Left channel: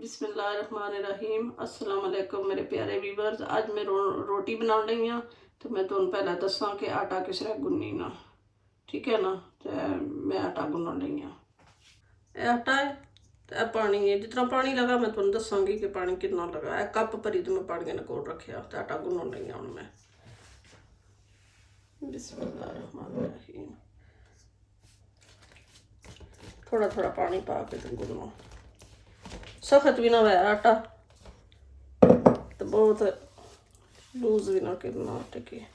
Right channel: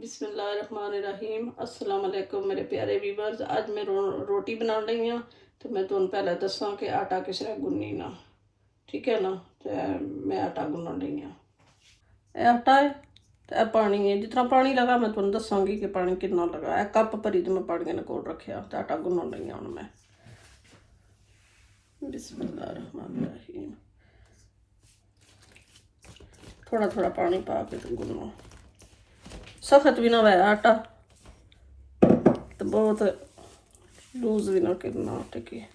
बिस्मिल्लाहिर्रहमानिर्रहीम। अस्सलाम वालेकुम मेरे प्यारे व्यूवर्स। आज मैं रोटी बना रही हूँ। तो मैं तुम पहले दसा कि आटा किस तरह गुननी ना, ठीक है ना। तो मैं आटा गुन रही हूँ। आटा है तो पानी है, जितना पानी लगा मैं तुम दसांगी कि पानी कितना लगा। एक कप भरी तो मैं पानी ने कोल रखा तो आटा गुन रही हूँ मैं। बिस्मिल्लाहिर्रहमानिर्रहीम। थोड़ा थोड़ा पानी पा के गुनो, सख्त भी ना हो आटा तो बहुत लूज भी ना करना आटे की।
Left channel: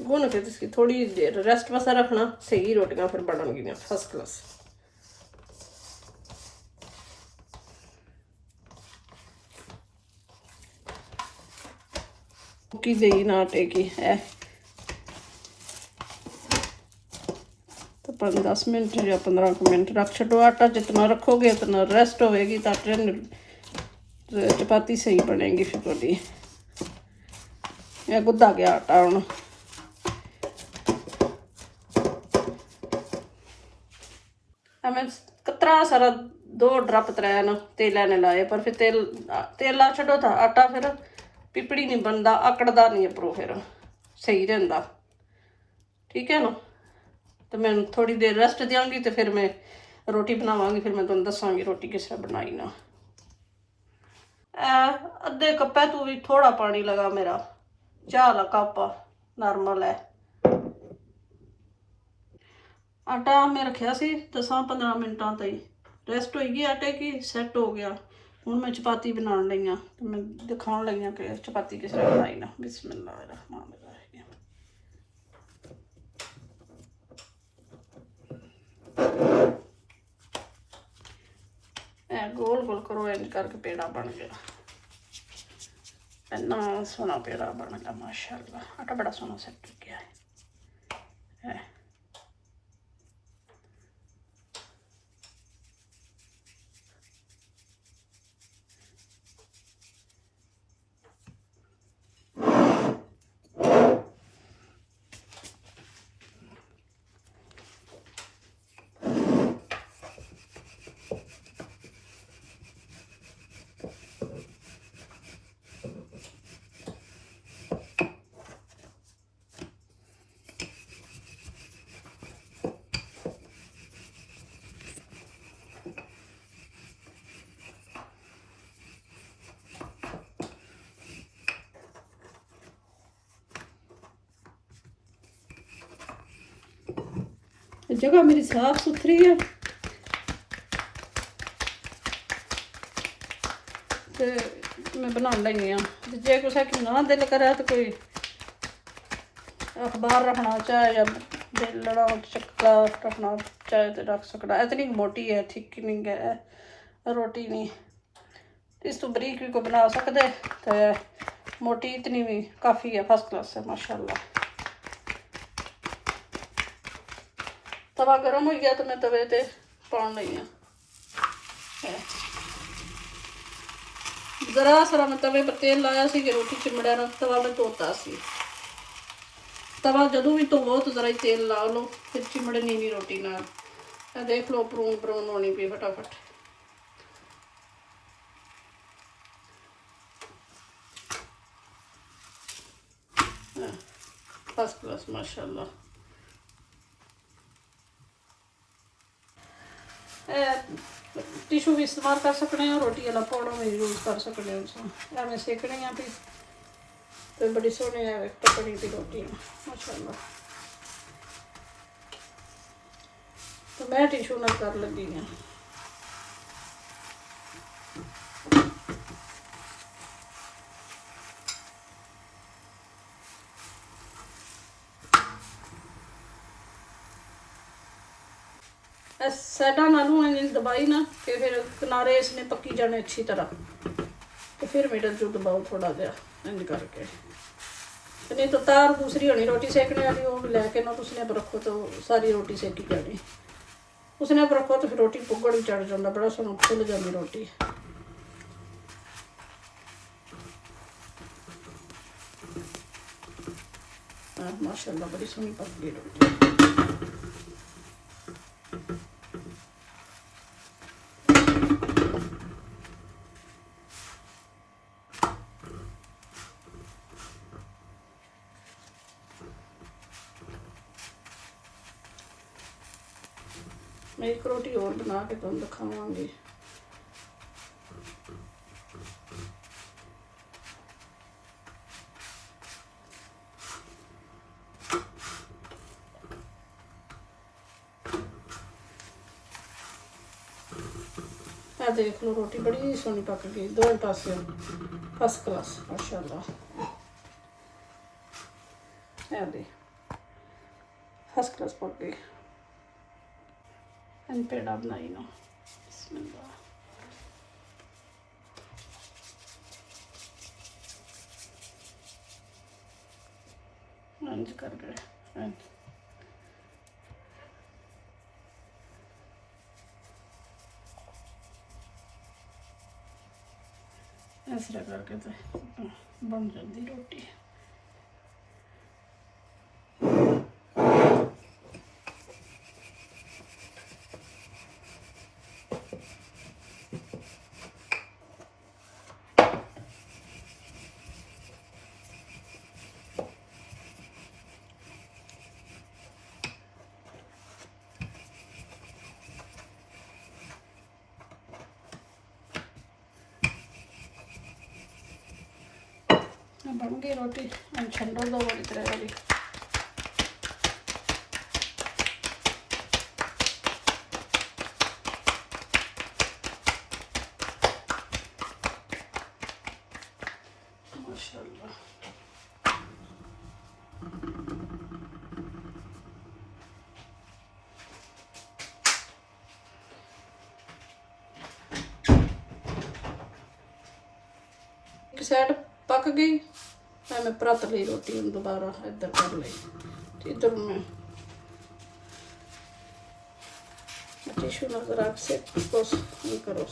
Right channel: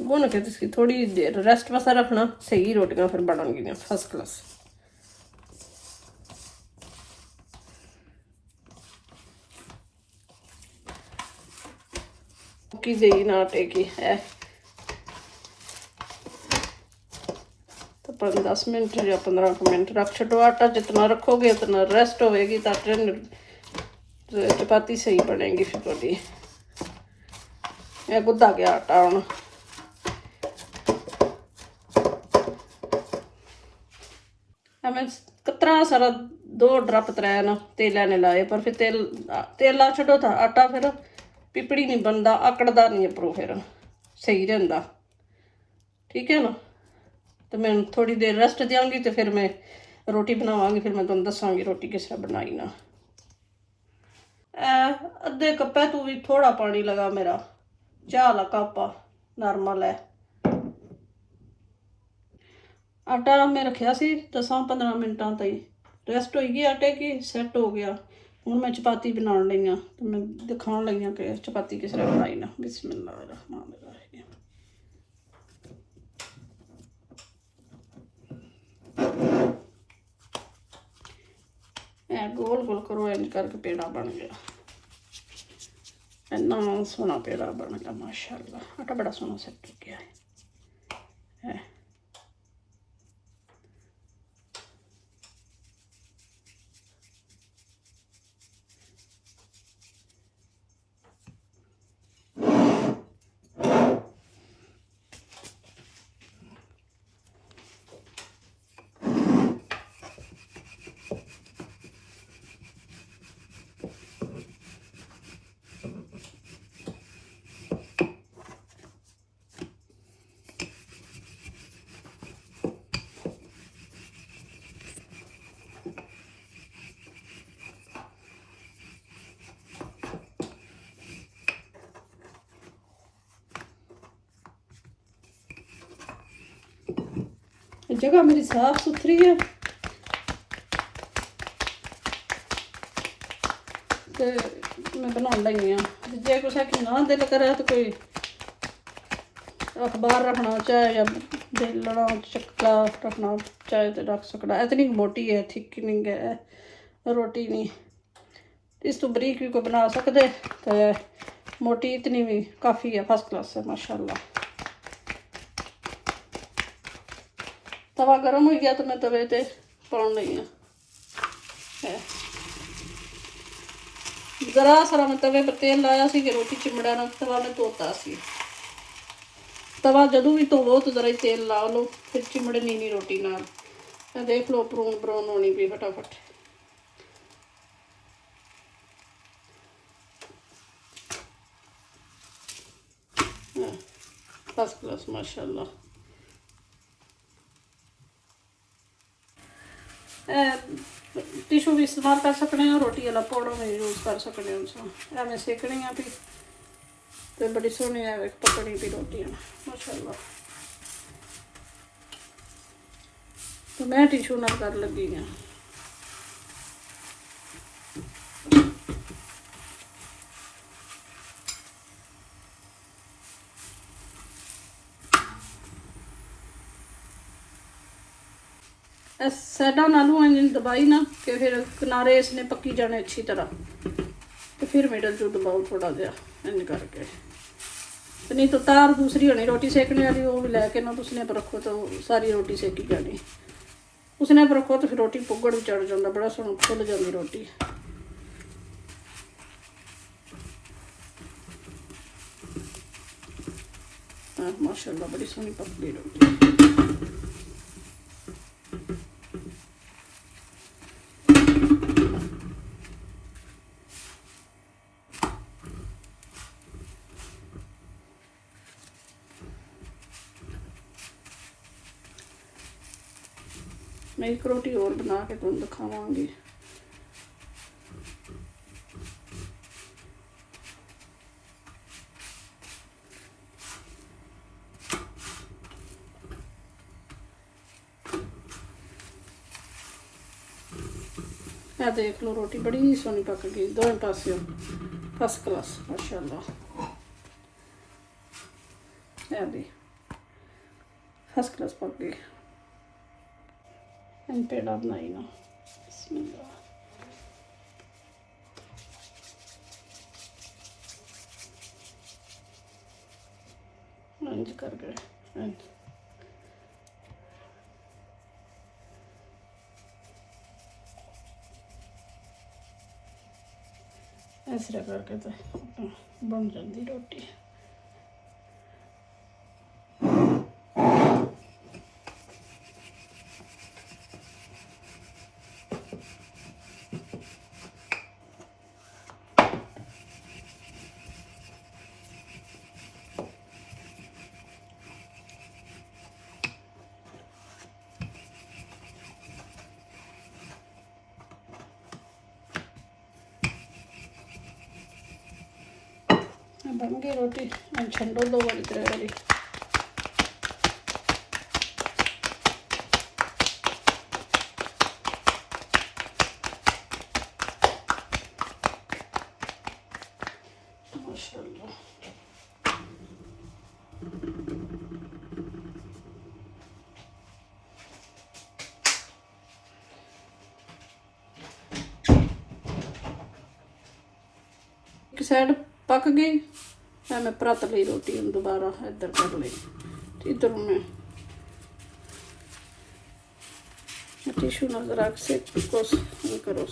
गुन के इसकी थोड़ी देर रेस्ट वास्ते रखना, सही रोटियां फिर बननगियां फर्स्ट क्लास। की सही ना आटे की है तो 10 मिनट या 15 मिनट रख छोड़ो। आटा जितना रखोगे उतना रेस्ट होएगी तो आटे चपाती सही बनेगी फिर थोड़ी। गुद्दा गया आटा हूँ। मैं कतरा सारा 2 ड्रप तराया ना तेल ने लाए, पर फिर तेल ला छो था आटा फिर पिपड़ी नहीं बनता, आकड़दा नहीं अपरों, फिर सही रहा, ठीक है ना। तो मैं थोड़ी देर रेस्ट देंगी तो फिर मैं रोटी बनावांगी, फिर मैं तुम दसांगी रोटी किस तरह बनाई ना। अद्धे कप्पे तू भी थोड़ा पानी लगा, मेरा चाह वाला कप नॉर्मल है। आटा मैं रखा सी 10-15 मिनटा तई रेस्ट हो गई आटे की, सैट हो गया। हूँ मैं चपाती बना रही हाँ, तो मैं दिखाने लगी हाँ कि चपाती किस तरह बनाई ना। बिस्मिल्लाहिर्रहमानिर्रहीम। गोल गोल करो, इंज करके पेड़ा बन गया। इतना सोहना पेड़ा बन गया माशाअल्लाह। आटा बड़ा सोहना सेट हो गया है। जगह मेरी साफ सुथरी है तो मैं बना लगी हाँ। जे कुछ कि ना दिल करे तो कोई अखबार रखना चाहे या बेलना चक्का रखना चाहे तो रख सकना। इतनी मोटी है, थिक नहीं है रोटी, नहीं इस तो बरीक भी को बना सकते, तो मोटी इतनी भी काफ़ी है, फर्स्ट क्लास है माशाल्लाह। तवा गर्म हो गया तो मैं तवे ते पान लगी है। जरा सारा मैं तवे पर तेल लाया सी कि रोटी चिमड़ा ना तवा मैं धोता सी। तवा जदों भी धोवो तो जरा ही तेल ला लो, फिर चिमड़नी नहीं रोटी ना। देख लो ब्राउन ब्राउन होनी भी फटाफट। फर्स्ट क्लास माशाल्लाह। टिशू भी इस्तेमाल कर सकते हैं, रोटी वाला पाउडर में यूज कर सकते हो। मैं सेकनी भी तो बड़ी सोहनी है पकड़ी भी रोटी है माशाल्लाह। तो मैं टिशू ना कर लगी हाँ। साइडों नालों इंज दबाई ना कि फिर किनारे इसने पकी जाने अच्छी तरह, तो फिर मिडल जो दबाओ थोड़ा जहा इंज करके। नहीं तो तार दूसरी होनी रोटी सेकने वाली, वो भी लैके ना उसने पर रखो तो सारी रोटी सेकी जानी, उसने पर रखो तो फिर रोटी पुगड़ भी चढ़ जाता, बड़ा सोहना फुल जानी रोटी। माशाअल्लाह बड़ी सोहनी पक गई रोटी। मैं एक रोटी और बना के तुम दिखावांगी। यह देख लो रोटी बड़ी सोहनी पक गई, दोनों पासे फर्स्ट क्लास माशाअल्लाह। यह भी फर्स्ट क्लास पक गई। पेड़ा बनाई ना, इंज कर गए इस तरह करके तो बन जाती रोटी। बन गई रोटी, हम छंडो दो वाली तरह वाली। माशाअल्लाह एक साइड पक गई, मैं परत ली रोटी हम दोबारा इधर कर ली। इधर मैं टिशू में रख से कोस करो।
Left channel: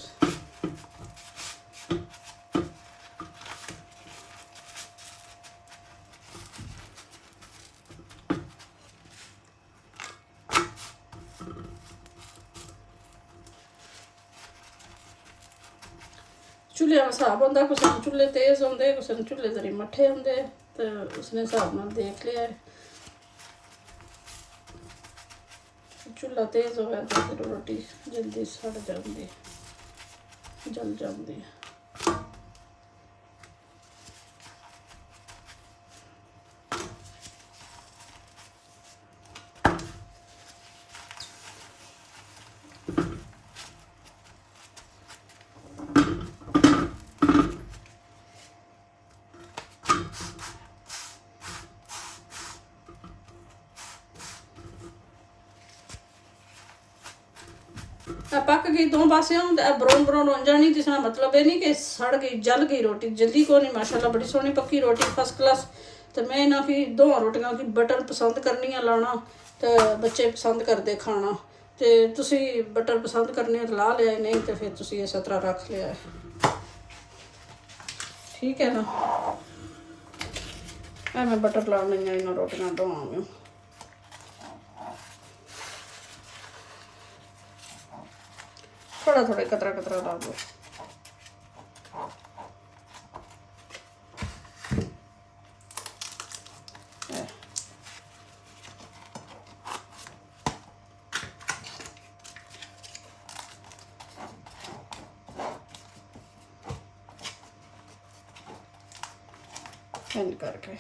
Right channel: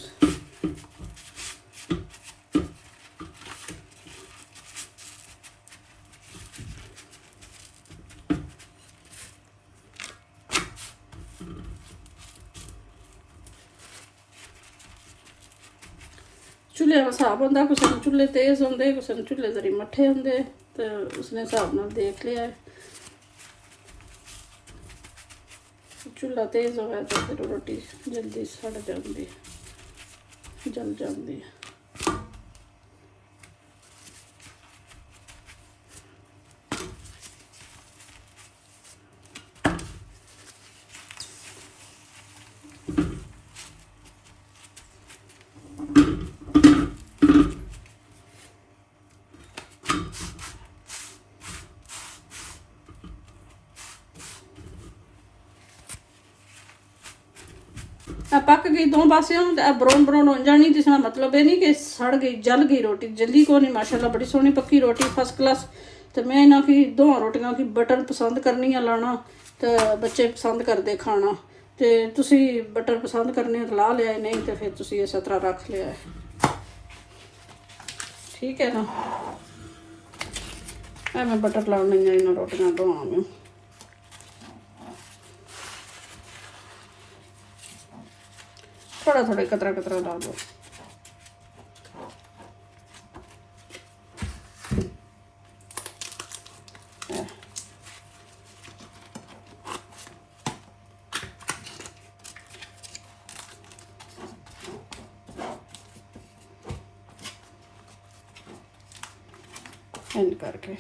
चूल्हे का हिसाब होंगे, किसी चूल्हे तेज़ होंगे, किसी चूल्हे जरी मट्ठे होंगे, तो उसने हिसाब नाल देख लिया। चूल्हा तेज़ हो गया तो फिर रोटी जल्दी सड़ जाती, जल जाती है। पक गई दो पासियों, ब्राउन ब्राउन हो जानी, जिसका मतलब है नहीं कि सड़ गई, जल गई रोटी, जल्दी को नहीं। माशाल्लाह बड़ी सोहनी पक्की रोटी फर्स्ट क्लास। तो मैं इन्हों की दो रोटियां की बटर पसंद करनी है लाना, तो बच्चे पसंद करते खाना, तो तुसी बटर पसंद करने तो ला लिया, नहीं तो फिर तुसी इस तरह रख लिया, ठीक है ना। मैं बटर लाने इन्होंने रोटियां दोवांगी। थोड़ा थोड़ा कतरा कतरा डाल दो। इंज करके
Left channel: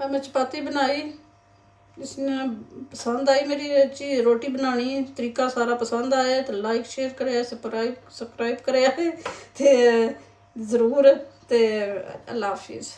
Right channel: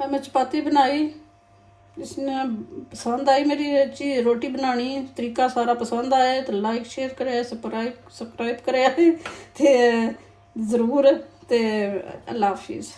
मैं चपाती बनाई, इसने पसंद आई मेरी रोटी बनानी, तरीका सारा पसंद आया तो लाइक शेयर करे, सब्सक्राइब करे ज़रूर। तो अल्लाह हाफिज़।